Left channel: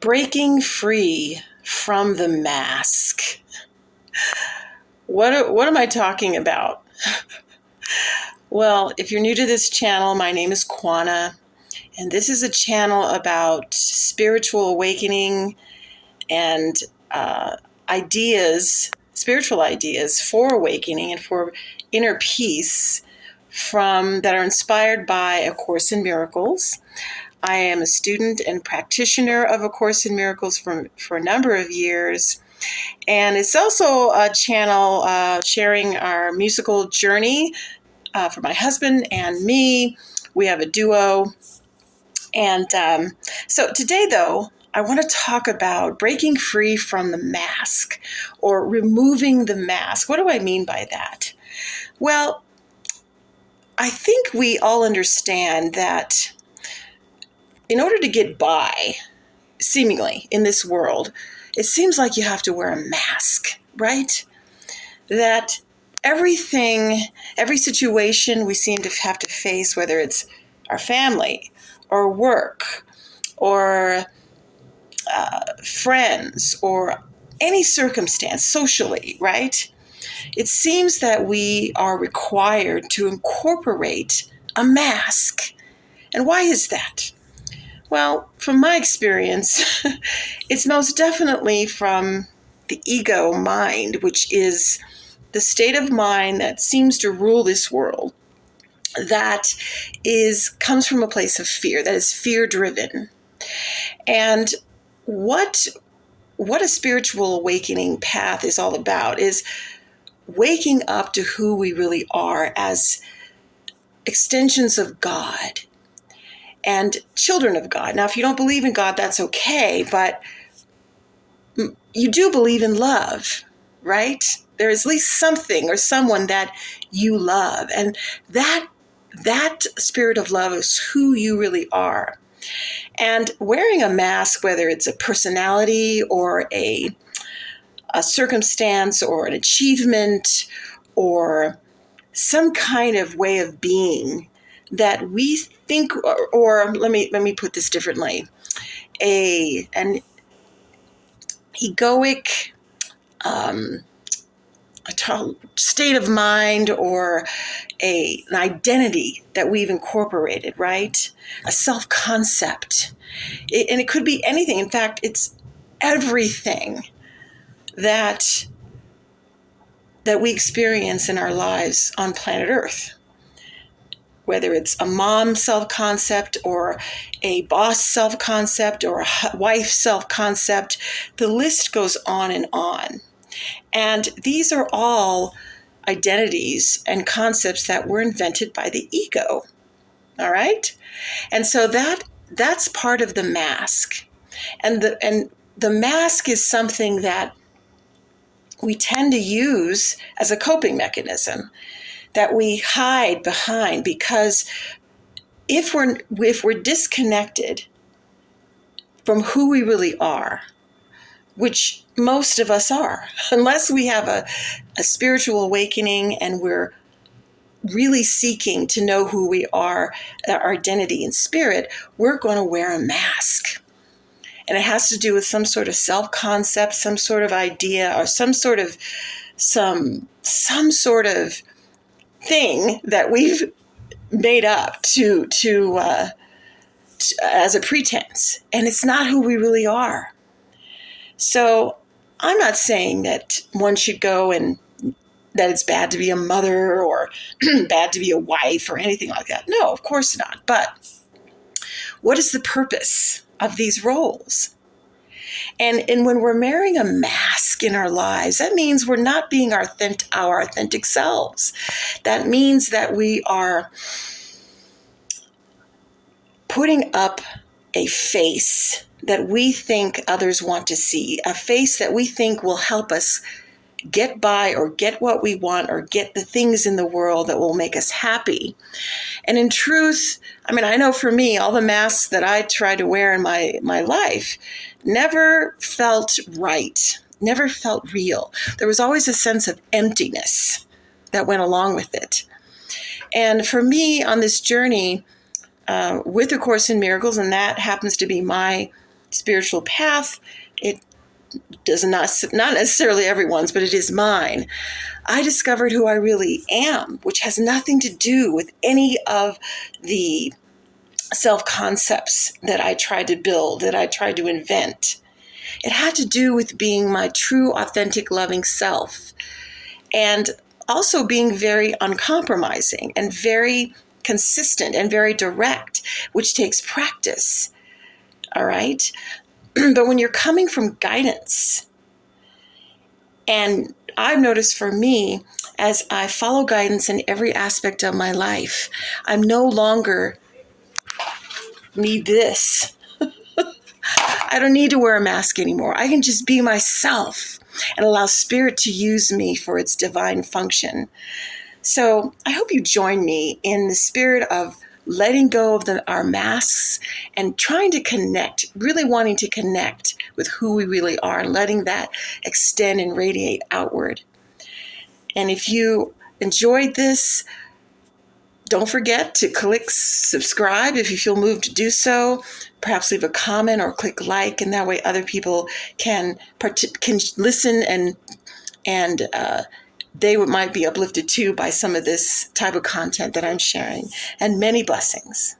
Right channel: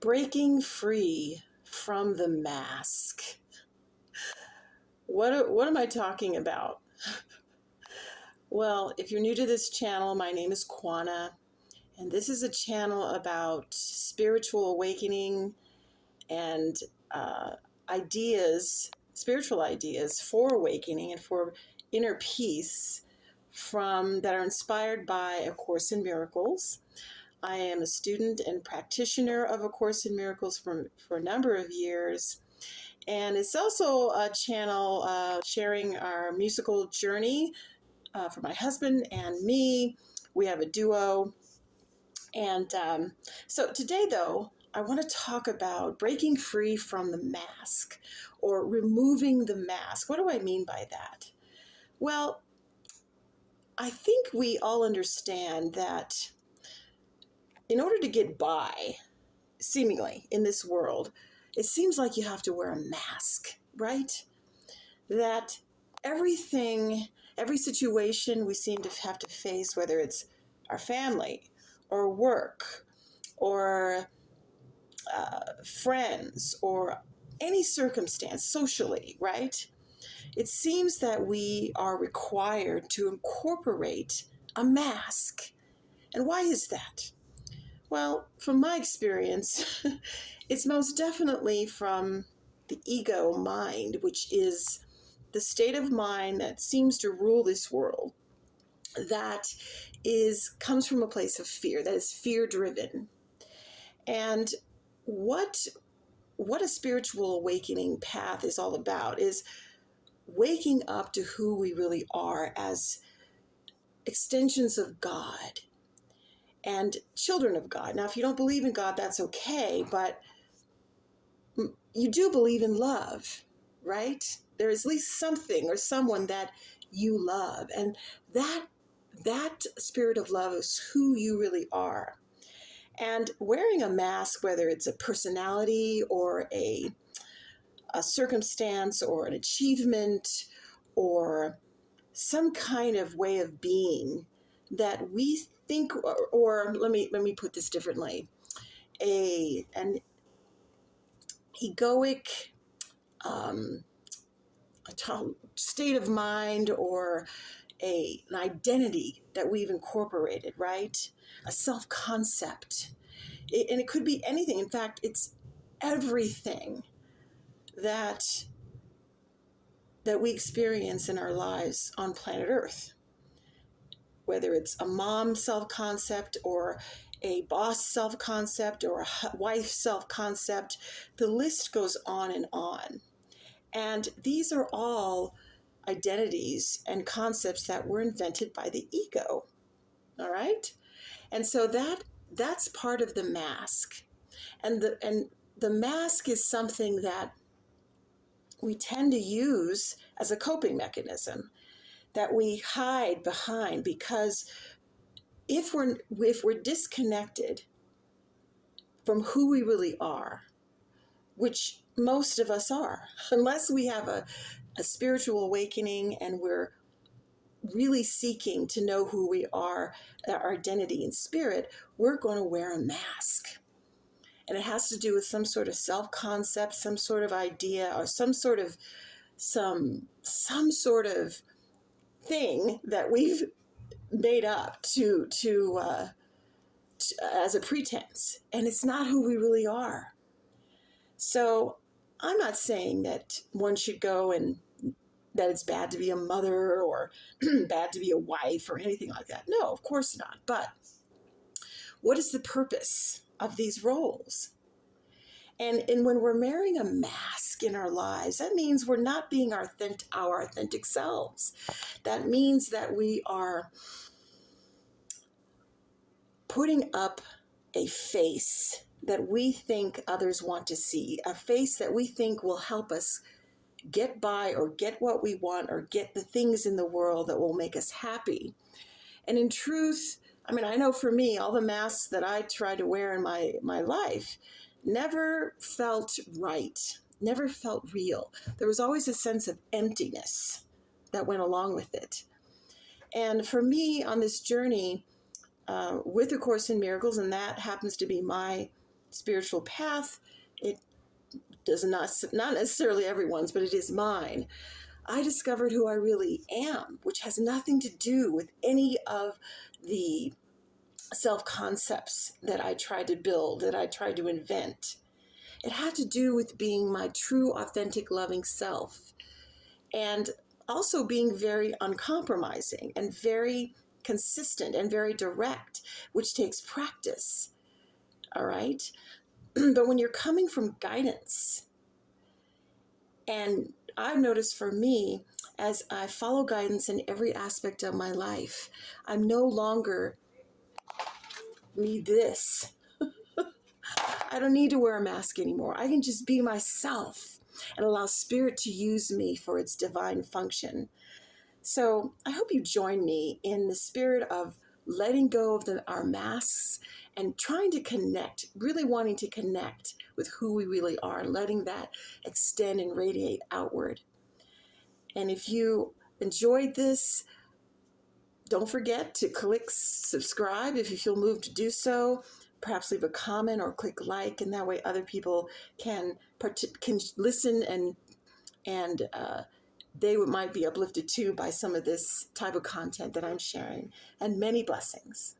Breaking free from the mask. What am I talking about? Well, if you're new to this channel, my name is Kwana, and this is a channel about spiritual awakening and spiritual ideas for awakening and for inner peace that are inspired by A Course in Miracles. I am a student and practitioner of A Course in Miracles for a number of years. And it's also a channel sharing our musical journey for my husband and me. We have a duo. And so today, though, I want to talk about breaking free from the mask or removing the mask. What do I mean by that? Well, I think we all understand that in order to get by, seemingly, in this world, it seems like you have to wear a mask, right? That every situation we seem to have to face, whether it's our family or work or friends or any circumstance socially, right? It seems that we are required to incorporate a mask. And why is that? Well, from my experience, it's most definitely from the ego mind, which is the state of mind that seems to rule this world, that comes from a place of fear, that is fear-driven. And what a spiritual awakening path is all about is waking up to who we really are as extensions of God and children of God. Now, if you don't believe in God, that's okay, but you do believe in love, right? There is at least something or someone that you love, and that spirit of love is who you really are. And wearing a mask, whether it's a personality or a circumstance or an achievement or some kind of way of being that we think, or let me put this differently, an egoic state of mind or an identity that we've incorporated, right? A self-concept. And it could be anything. In fact, it's everything that we experience in our lives on planet Earth. Whether it's a mom self-concept or a boss self-concept or a wife self-concept, the list goes on and on. And these are all identities and concepts that were invented by the ego. All right? And so that's part of the mask. And the mask is something that we tend to use as a coping mechanism that we hide behind, because if we're disconnected from who we really are, which most of us are, unless we have a spiritual awakening and we're really seeking to know who we are, our identity in spirit, we're going to wear a mask. And it has to do with some sort of self-concept, some sort of idea, or some sort of thing that we've made up to as a pretense, and it's not who we really are. So I'm not saying that one should go and that it's bad to be a mother or bad to be a wife or anything like that. No, of course not. But what is the purpose of these roles? And when we're wearing a mask in our lives, that means we're not being our authentic selves. That means that we are putting up a face that we think others want to see, a face that we think will help us get by or get what we want or get the things in the world that will make us happy. And in truth, I know for me, all the masks that I tried to wear in my life never felt right, never felt real. There was always a sense of emptiness that went along with it. And for me on this journey with A Course in Miracles, and that happens to be my spiritual path. It does not necessarily everyone's, but it is mine. I discovered who I really am, which has nothing to do with any of the self concepts that I tried to build, that I tried to invent. It had to do with being my true, authentic, loving self, and also being very uncompromising and very consistent and very direct, which takes practice. All right. But when you're coming from guidance, and I've noticed for me, as I follow guidance in every aspect of my life, I'm no longer need this. I don't need to wear a mask anymore. I can just be myself and allow spirit to use me for its divine function. So I hope you join me in the spirit of letting go of our masks and trying to connect, really wanting to connect with who we really are and letting that extend and radiate outward. And if you enjoyed this, don't forget to click subscribe if you feel moved to do so. Perhaps leave a comment or click like, and that way other people can listen and they might be uplifted too by some of this type of content that I'm sharing. And many blessings.